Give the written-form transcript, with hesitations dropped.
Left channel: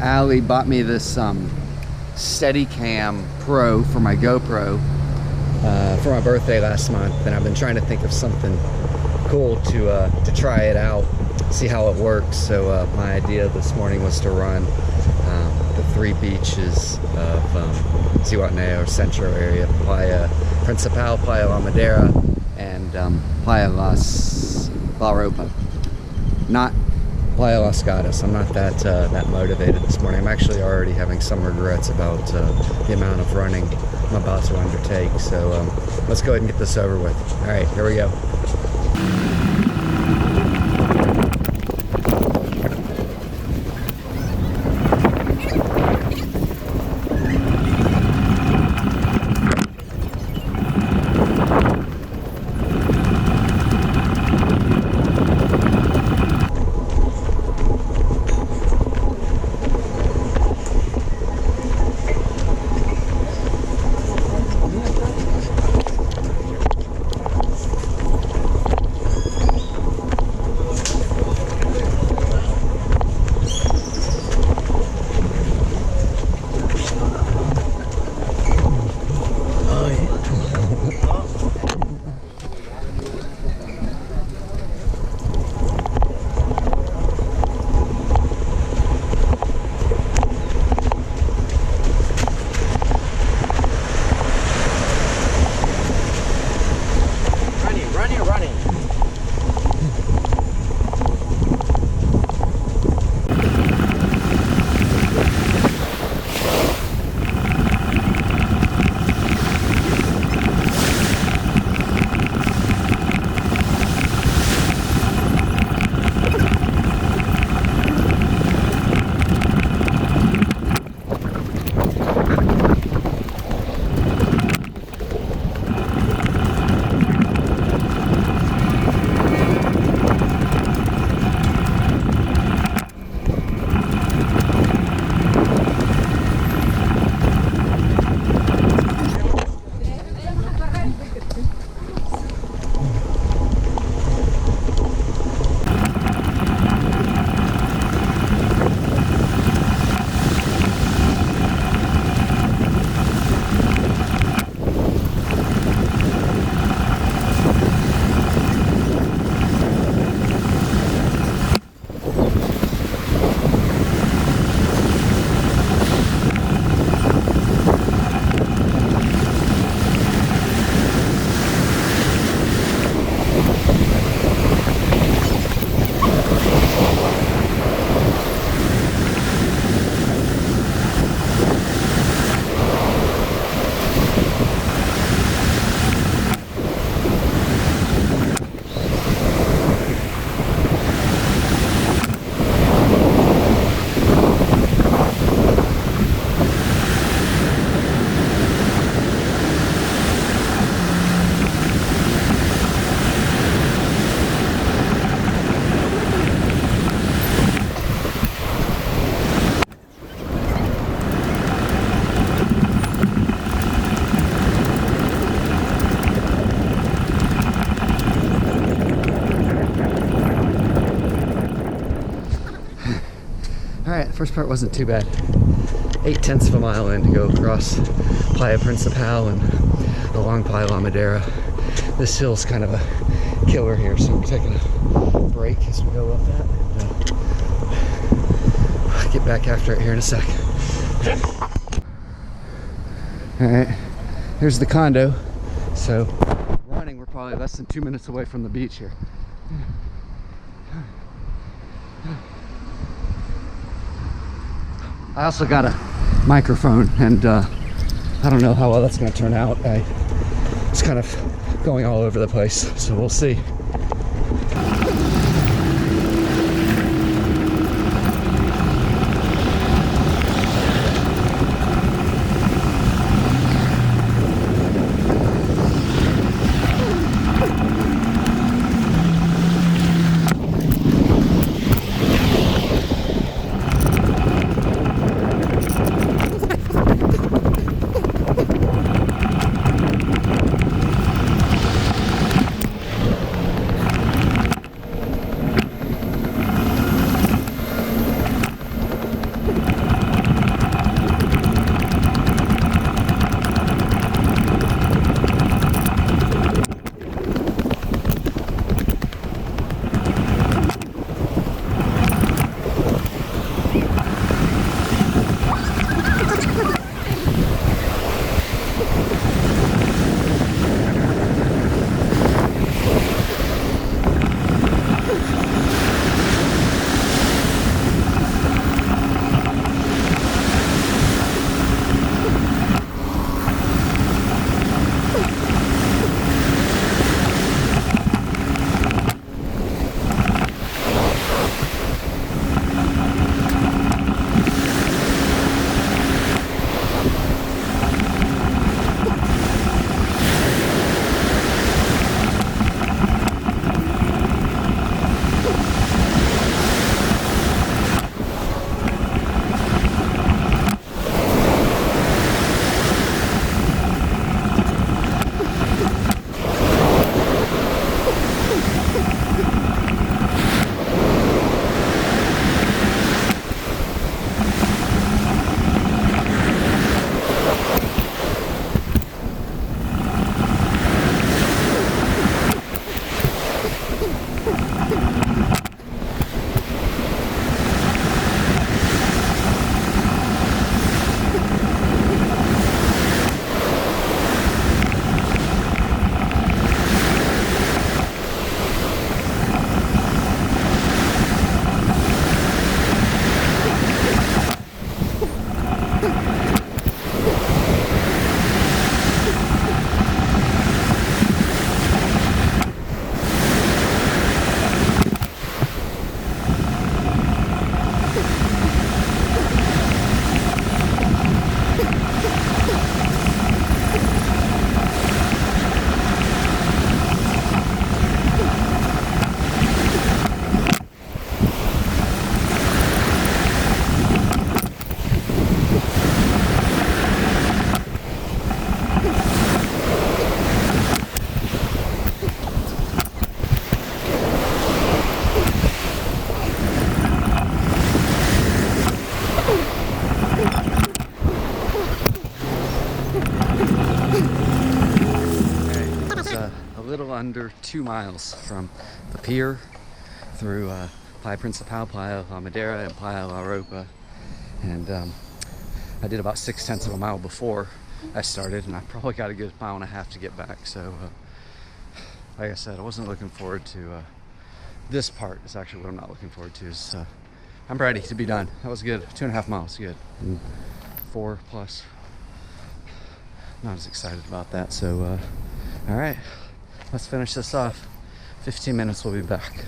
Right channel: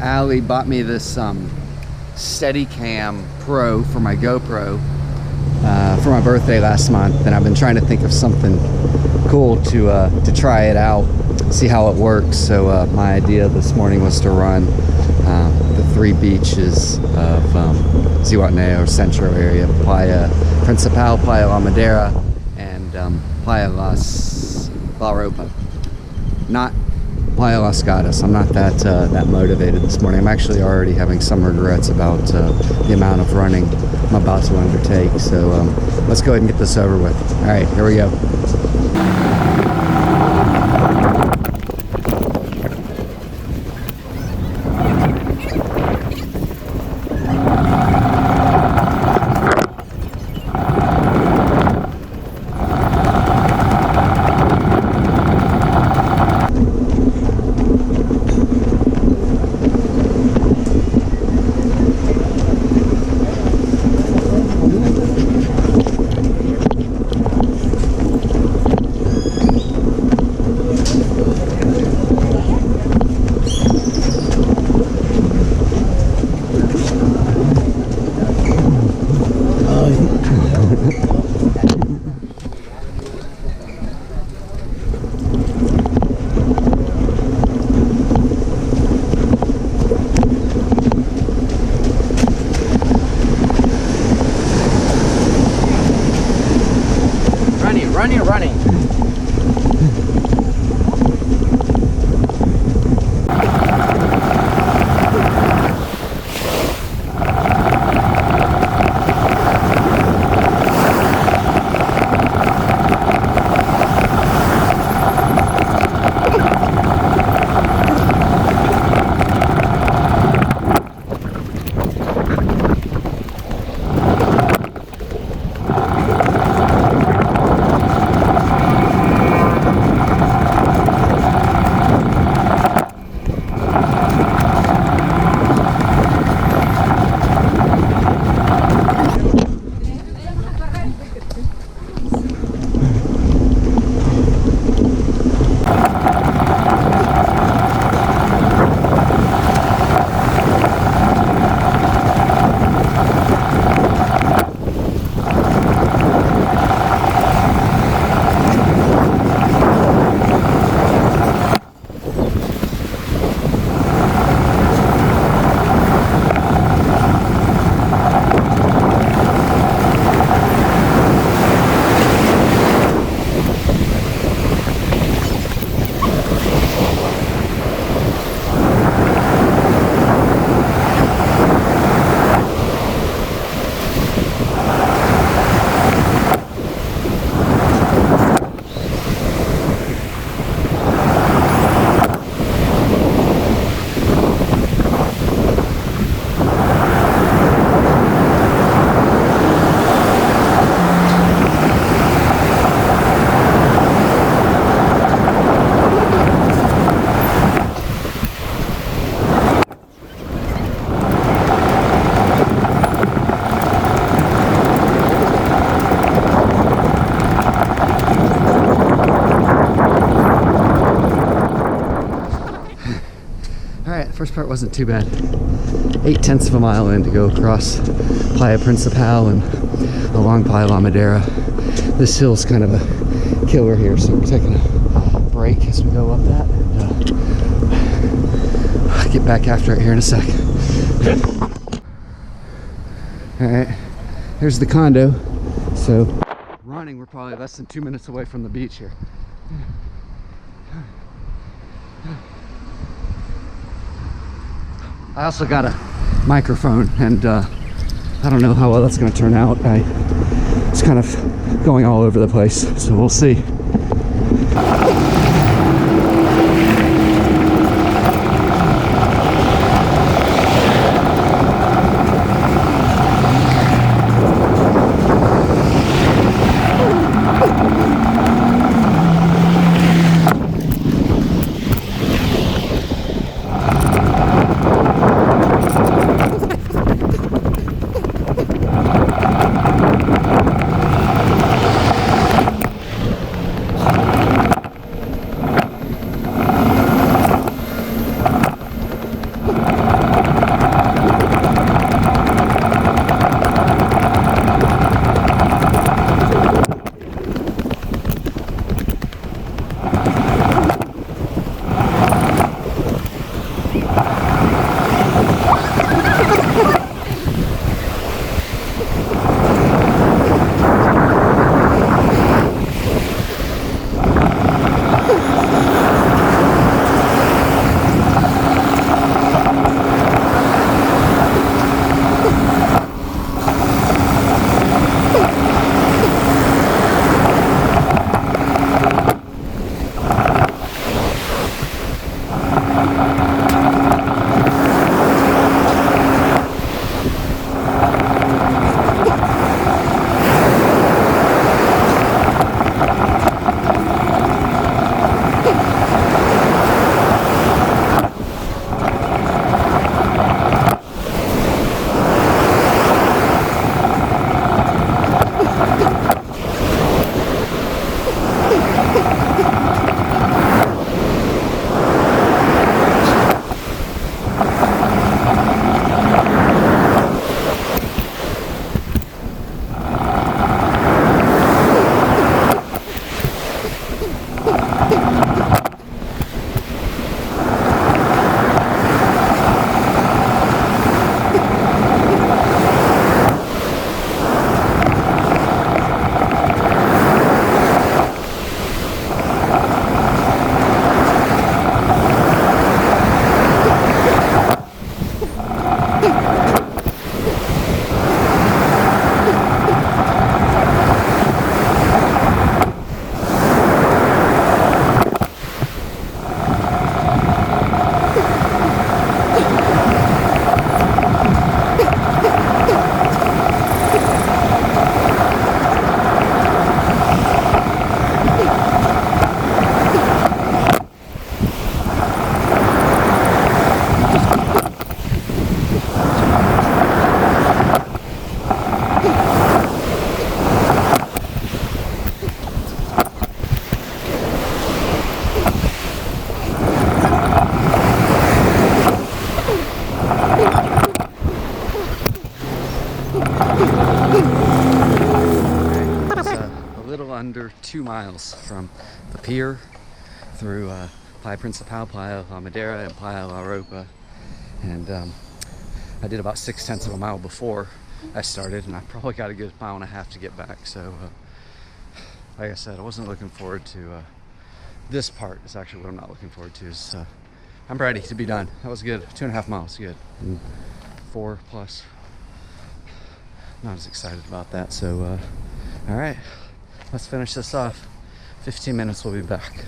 Allie bought me this Steadicam Pro for my GoPro for my birthday last month, and I've been trying to think of something cool to try it out, see how it works. So my idea this morning was to run the 3 beaches of Zihuatanejo Central area: Playa Principal, Playa La Madera, and Playa La Ropa. Not Playa Las Gatas. I'm not that motivated this morning. I'm actually already having some regrets about the amount of running I'm about to undertake. So let's go ahead and get this over with. All right, here we go. Running. First part wasn't too bad. 8/10 of a mile in to go across Playa Principal and along Playa La Madera. This hill's kind of a killer here, so we're taking a break as we go up that, and I'll get back after it here in a sec. Alright, here's the condo. So running, we're probably less than 2 minutes away from the beach here. I also got a microphone, and I don't know how well that's going to turn out. It's kind of going all over the place, so we'll see. under 2 miles from the pier through Playa Principal, Playa La Madera, and Playa La Ropa. And I did about 6/10 of a mile before I started, and I probably got a good 1.5 miles to get back. So like I said, I wasn't looking forward to this part. Is actually what I'm not looking forward to. Is I'm ready to be done. That was good. 2.5 miles, good. And 4 plus. Not as excited about that. So all right, let's finish this off. 15 minutes, we'll be back.